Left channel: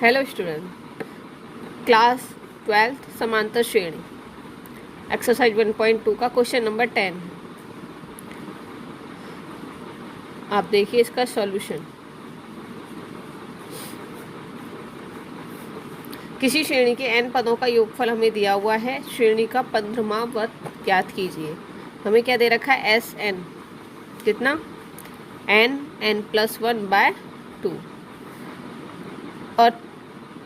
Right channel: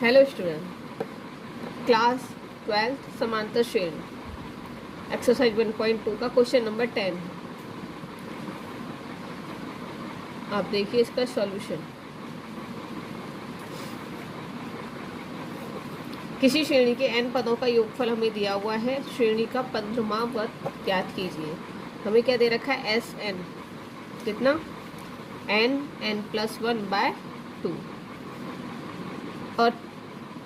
Hello student, class 12th समांतर श्रेणी exercise 1.2 का क्वेश्चन नंबर 10 है। आप देखिए इसका सॉल्यूशन। किसी श्रेणी के n पदों का योगफल हमें दिया हुआ है। श्रेणी का 15वां पद ज्ञात कीजिए। हमें क्या दे रखा है? एस एन, कितना? n+1/2। और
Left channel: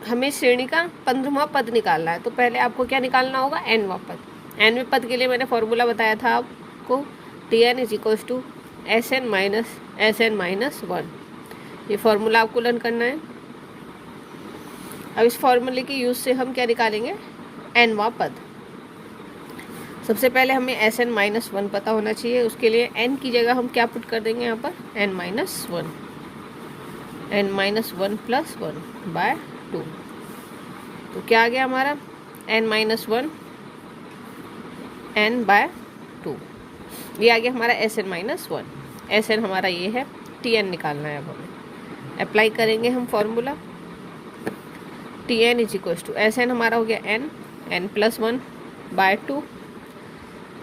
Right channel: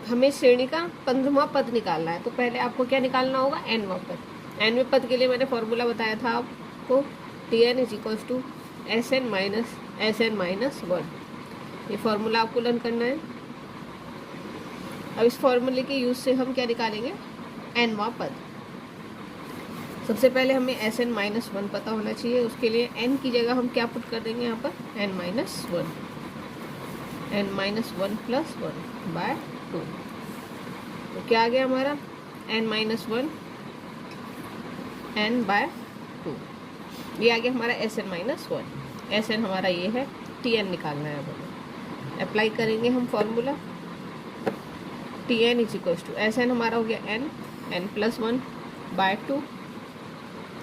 हमें श्रेणी का 15वां पद निकालना है, तो पहले आपको क्या निकालना होगा? nवां पद। nवें पद के लिए मैंने फॉर्मूला बताया था आपको, Tn = Sn-1। ये फॉर्मूला आपको लर्न करना है। अब इस फॉर्मूले की यूज से हम क्या निकालेंगे? nवां पद। सबसे पहले हमें Sn-1 पता होना चाहिए। उसके लिए n की जगह हम क्या पुट कर देंगे यहाँ पर? n-1 +1/2। तो क्या आ गया हमारा? n-1 n/2। ये आ गया हमारा Sn-1। Sn हमारा ये है, Tn निकालना है। अब हमें अप्लाई करेंगे हम फॉर्मूला। Tn = Sn हमारा हो गया n+1/2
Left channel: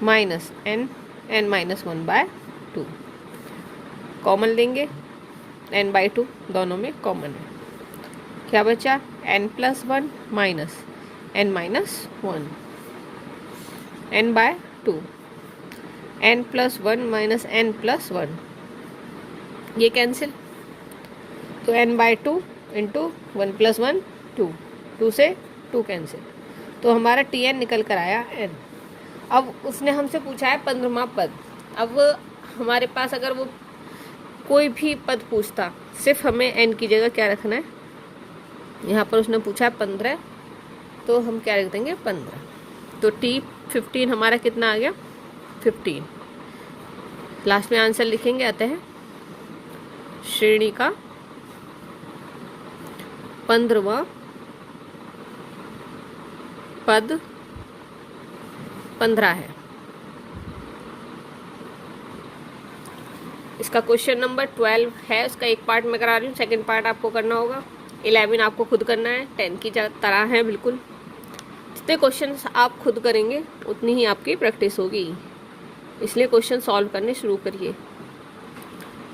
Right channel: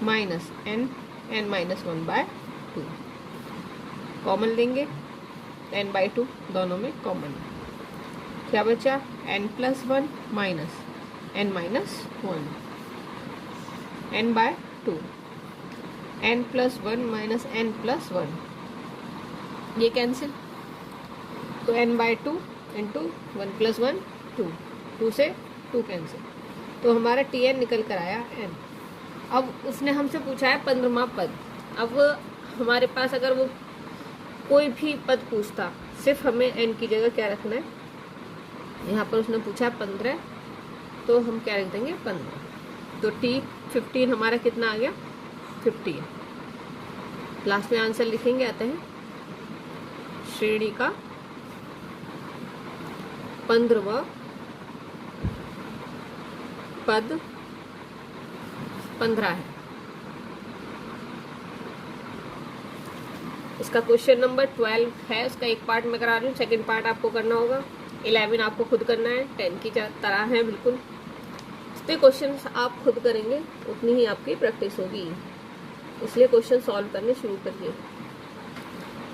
माइनस n-1/2। कॉमन लेंगे, n/2 दोनों में कॉमन है। क्या बचा? n+1 minus n-1 n/2। n+1 minus n+1 ये कैंसिल, तो n/2 इंटू 1 + 1 2, 2 से 2 कैंसिल, तो हमारा Tn निकल कर आया n। अब उसने हमसे पूछा है 15वां पद। अब हमारे पास अगर वो कोई भी पद पूछता, सिर्फ हमें n की जगह क्या रखना है? यहाँ पर उसने पूछा 15, तो हम क्या रख देंगे? 15। तो T15 हमारा कितना आ गया? 15। लास्ट में आंसर लिखेंगे। आते हैं श्रेणी का 15वां पद 15 है। इसका क्वेश्चन नंबर 12 है। उसका एक पार्ट मैं करा रही हूँ, सेकंड पार्ट आपको करना होगा। 11 आपको खुद करना है, 10 की तरह है बिल्कुल। जितने क्वेश्चन आप खुद करेंगे उतनी ही आपकी प्रैक्टिस होगी, इसलिए क्वेश्चन सॉल्व करने शुरू करिए।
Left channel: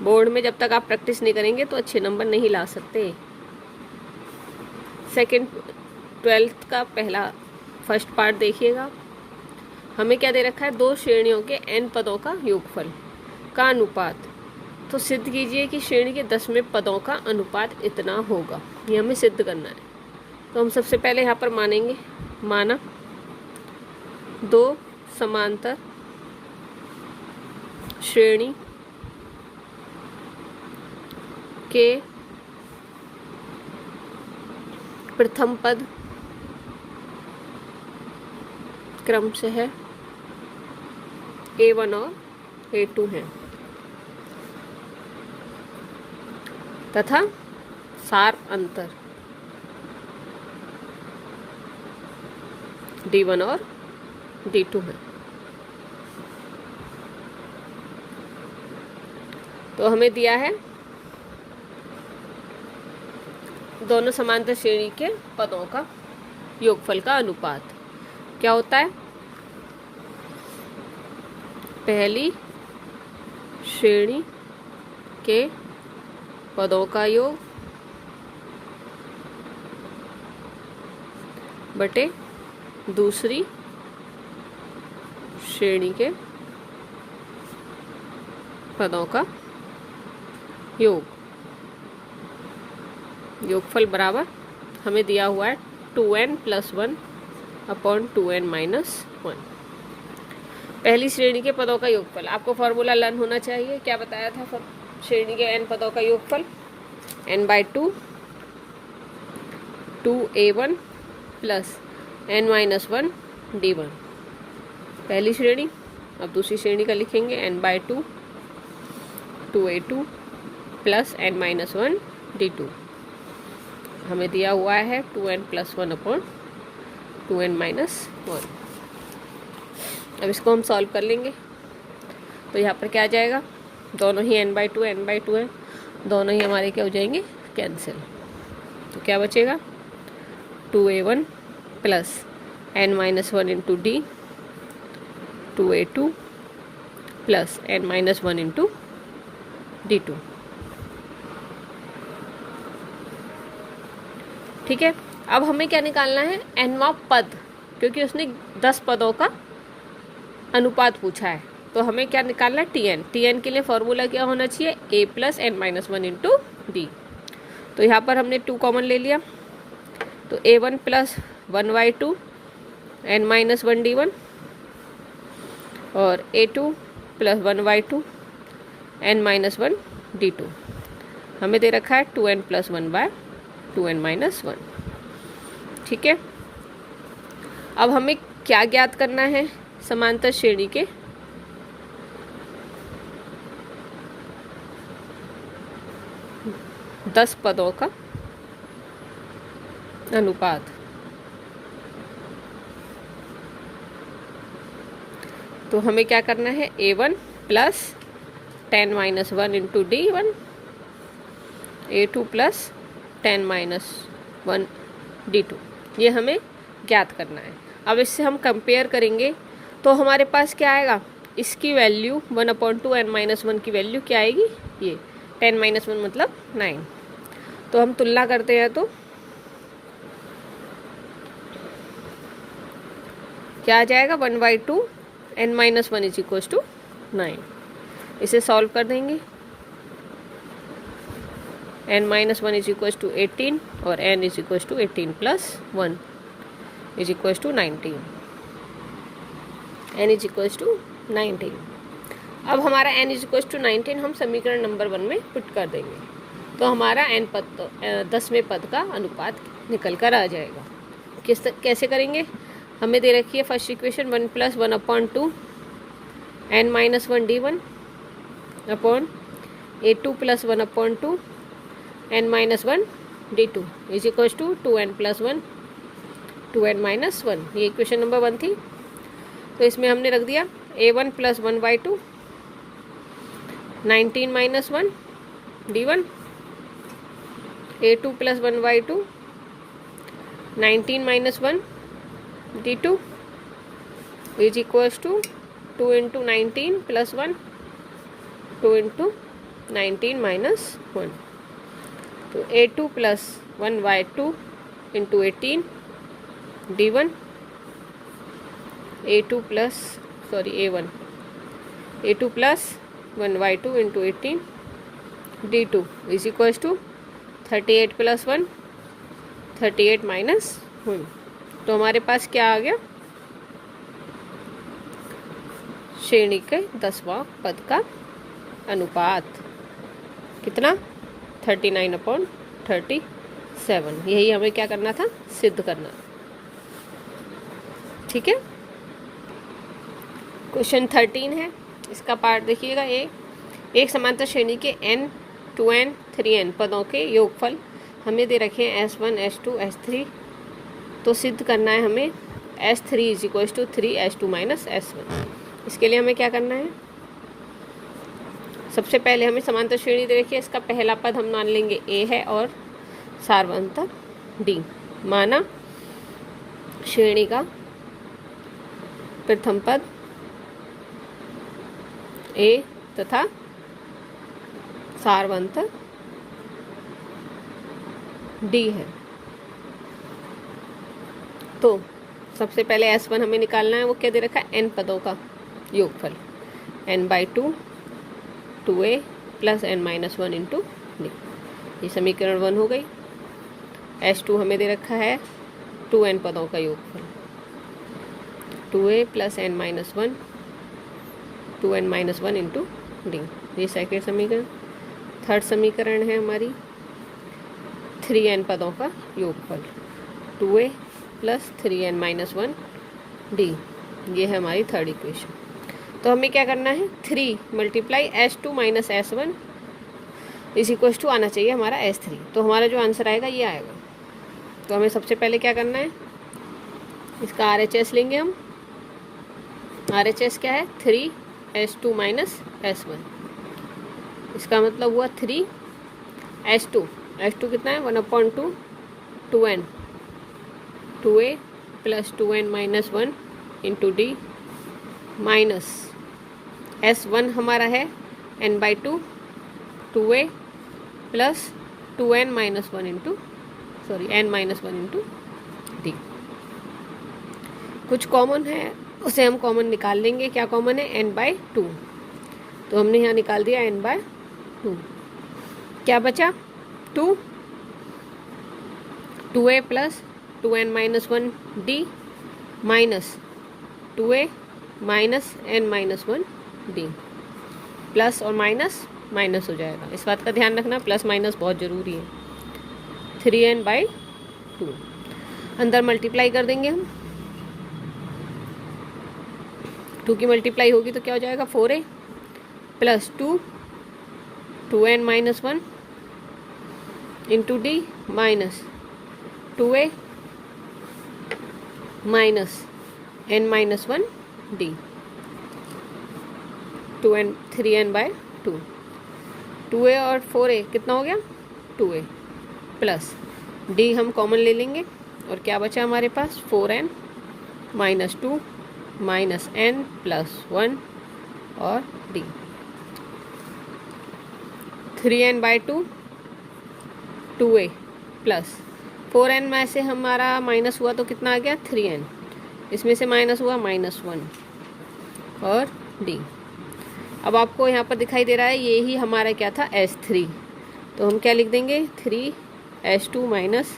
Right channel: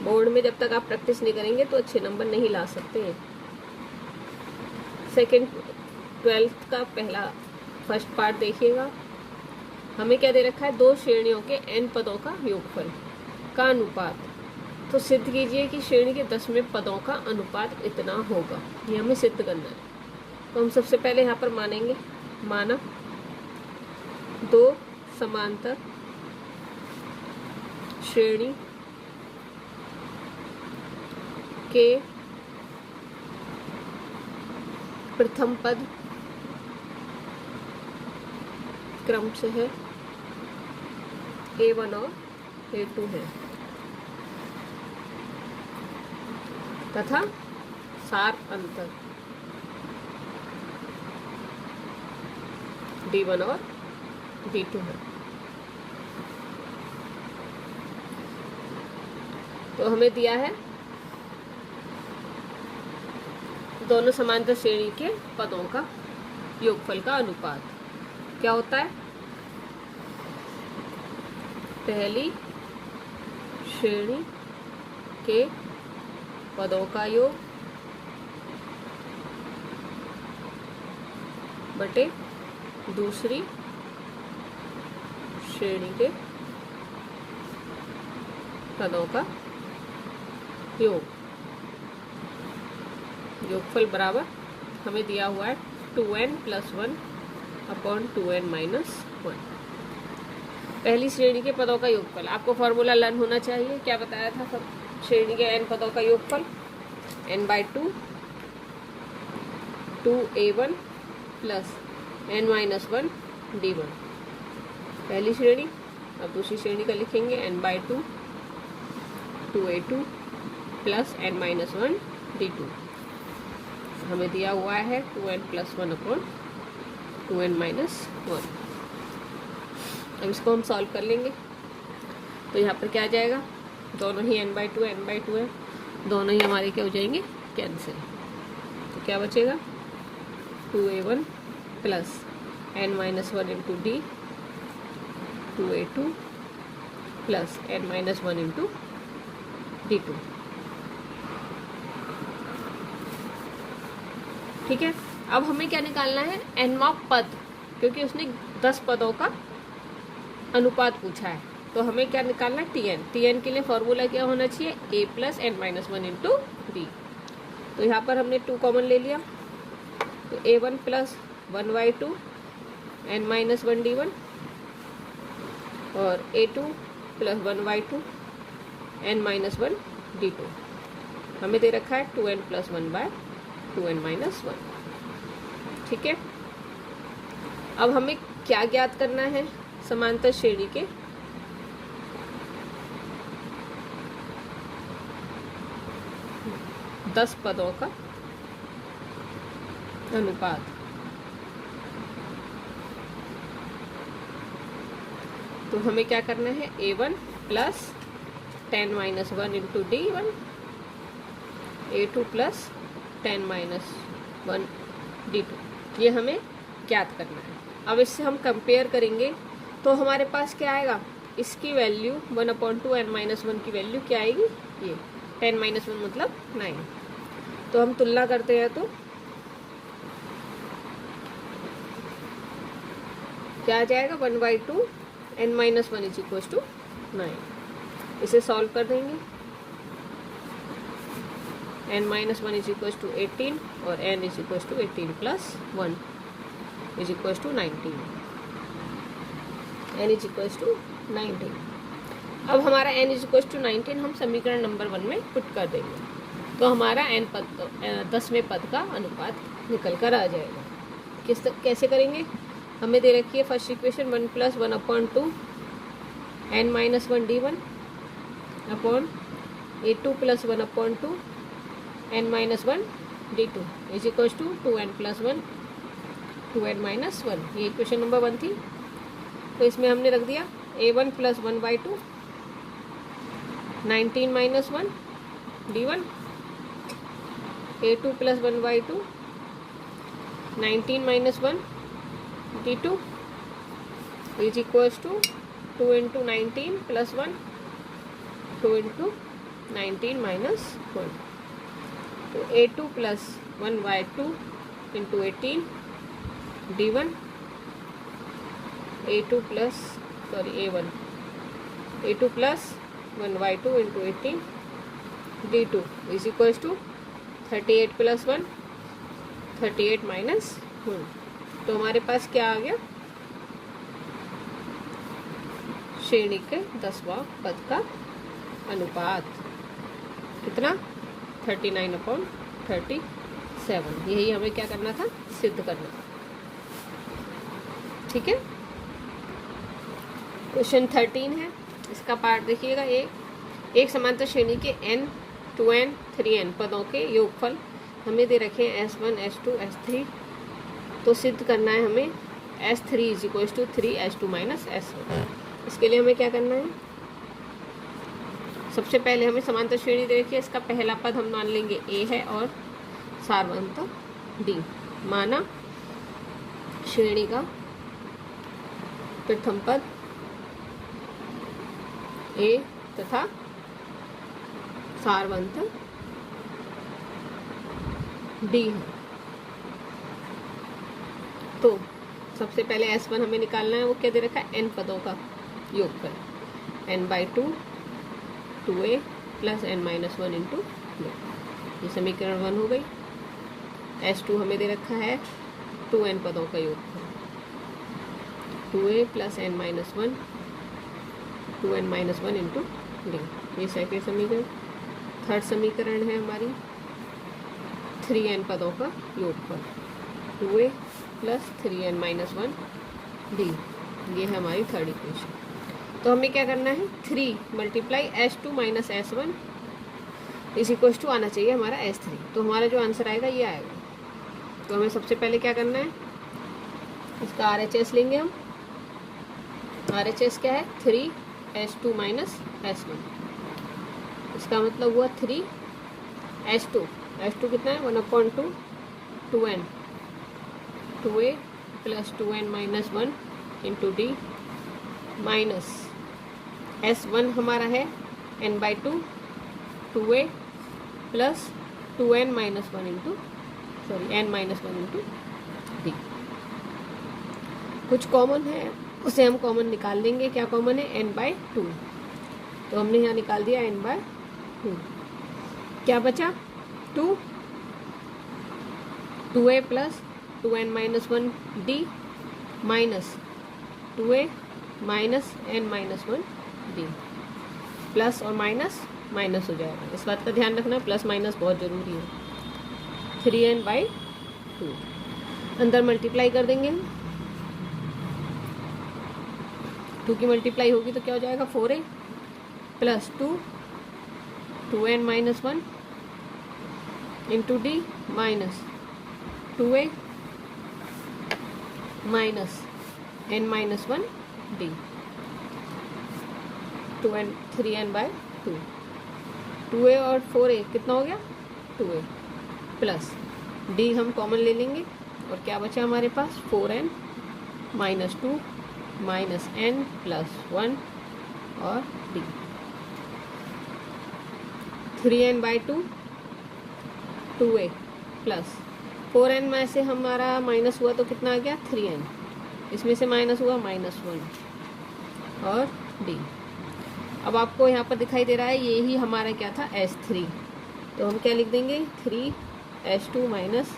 बोर्ड में जब तक आप प्रैक्टिस नहीं करेंगे तो अच्छे नंबर नहीं ला सकते। सेकंड 12th का फर्स्ट पार्ट देखिएगा। हमें क्या दे रखा है? 2 श्रेणियों के n पदों का योगफल का अनुपात। तो सिद्ध कीजिए कि श्रेणी के 10वें पदों का अनुपात इतना होगा। ये हमें सिद्ध करना है। तो हम सबसे पहले यहाँ पर मानेंगे, माना 2 समांतर श्रेणी के प्रथम पद क्रम से है A1 और A2 है, तथा सार अंतर D1 और D2 है। तो हमें दिया है दोनों समांतर श्रेणी के पदों का योगफल का अनुपात क्या होता है? पहली श्रेणी के पदों का योग बटे दूसरी श्रेणी के पदों का योग। योगफल बराबर हमें दिया हुआ है 2n+1/2n-1। पहली श्रेणी के पदों का योगफल, आपको फॉर्मूला लर्न होना चाहिए। क्या बताया था? श्रेणी के n पदों का योगफल n/2 2a1 + n-1 d1। पहली श्रेणी। अब दूसरी श्रेणी का लिखेंगे n/2 2a2 + n-1 d2। हमें दिया हुआ है 2n+1/2n-1। अब इसको हम सॉल्व कर लेंगे। तो यहाँ पर क्या आ जाएगा? दोनों ही n/2 है, दोनों ही हमारे क्या हो जाएंगे? कैंसिल। क्या बचेगा 2a1 plus n-1 into D 2a2 plus n-1 into d2। ठीक है, अब हमें क्या निकालना है nवां पद, क्योंकि उसने 10 पदों का अनुपात पूछा है, तो हमें क्या निकालना है tn के लिए फॉर्मूला क्या होना चाहिए a plus n-1 into D. तो यहाँ पर हमने 2 कॉमन ले लिया, तो a1 प्लस 1/2 n-1 d1 और a2 प्लस 1/2 n-1 d2। हमें दे रखा है 2n प्लस 1/2n-1। ठीक है, अब हमें क्या ज्ञात करना है समांतर श्रेणी के 10 पदों का अनुपात। तो हमें क्या करना है a1 plus 10-1 into d1 a2 plus 10-1 d2, ये हमें ज्ञात करना है। अब इससे हम कंपेयर करेंगे तो हमारे पास क्या आएगा, इसकी वैल्यू 1/2 n-1 की वैल्यू क्या आएगी, ये 10-1 मतलब 9। तो हम तुलना करते हैं तो क्या आ जाएगा 1/2 n-1 इज इक्वल टू 9। इसे सॉल्व कर देंगे, n-1 इज इक्वल टू 18 और n is equal to 18 plus 1 is equal to 19, n is equal to 19। अब हमारा n इज इक्वल टू 19 हम समीकरण नंबर 1 में पुट कर देंगे, तो हमारा n पद 10वें पद का अनुपात निकल कर आ जाएगा। कैसे करेंगे, हमें दे रखी है first equation 1 plus 1/2 n-1 d1 upon a2 plus 1/2 n-1 d2 is equal to 2n plus 1 2n-1। ये इक्वेशन नंबर 1 थी, तो इसमें हमने रख दिया a1 plus 1/2 19-1 d1 a2 plus 1/2 19-1 d2 is equals to 2 into 19 plus 1 2 into 19 minus 1, तो a2 plus 1/2 into 18 d1 a2 plus a2 plus 1/2 into 18 d2 is equals to 38 plus 1 38 minus 1। तो हमारे पास क्या आ गया, श्रेणी के 10वां पद का अनुपात कितना 39/37। यही हमें क्या करना था, सिद्ध करना। ठीक है, क्वेश्चन 13 है, इसका पार्ट देखिएगा। एक समांतर श्रेणी के n 2n 3n पदों के योगफल हमें दे रखे हैं s1 s2 s3। तो सिद्ध करना है हमें s3 is equal to 3 s2 minus s1। इसके लिए हमें क्या करना है, सबसे पहले हमें समांतर श्रेणी दे रखी है, इसका पहला पद हम मान लेंगे a है और सारवंत d। माना श्रेणी का प्रथम पद a तथा सारवंत d है। तो सबसे पहले s1 हमें निकालना है, वो क्या दे रखा है n पदों का योगफल n/2 2a plus n-1 into d। ये समीकरण 1 हो गई। s2 हमें दे रखा है 2n पदों का योगफल 2a plus n-1 2n-1 into d। ये सेकेंड समीकरण। थर्ड समीकरण है हमारी 3n पदों का योगफल 2a प्लस 3n-1 d। ये है हमारी थर्ड इक्वेशन। तो हमें क्या करना है 3 multiply s2 minus s1 is equal to आना चाहिए हमारा s3। तो हमारा जो आंसर आएगा ये आएगा। तो हमें सबसे पहले क्या करना है, इसका RHS लेंगे हम। RHS क्या है 3s2 माइनस s1। इसका मतलब हुआ 3s2 कितना है 1/2 2n 2a plus 2n minus 1 into D minus S1 हमारा है n/2 2a plus 2n minus 1 into n minus 1 into D. कुछ कॉमन है उसे हम कॉमन निकाल लेंगे। क्या कॉमन है? n/2। तो हमने यहाँ निकाल दिया n/2। क्या बचा? 2a plus 2n minus 1 D minus 2a minus n minus 1 D. Plus और माइनस माइनस हो जाएगा, इस बात का ध्यान रखना, प्लस माइनस बहुत ज़रूरी है। 3n/2 अंदर मल्टीप्लाई कर देंगे हम। 2 की मल्टीप्लाई होगी तो क्या हो जाएगा? 4a plus 2n minus 1 into D minus 2a minus n minus 1 D. 3n/2 2a और 4a कितना हो गया? 2a प्लस डी हम कॉमन ले लेंगे और क्या बचा हमारे पास? 4n minus 2 minus n plus 1 और D. 3n/2 2a plus 4n में से हमारा माइनस हुआ तो कितना आ गया? 3n। इसमें से माइनस हुआ माइनस 1 और डी। अब आपको यहाँ पर दिखाई दे रहा है ये ही हमारा क्या था? S3। तो हम क्या लिख देंगे? 3s2 माइनस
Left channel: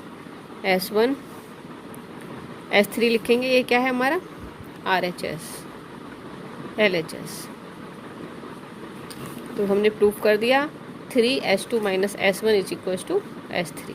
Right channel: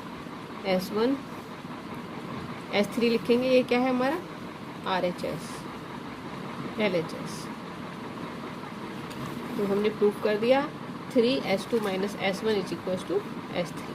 s1 S3 लिखेंगे। ये क्या है हमारा? RHS LHS। तो हमने प्रूफ कर दिया 3s2 minus s1 is equal to S3।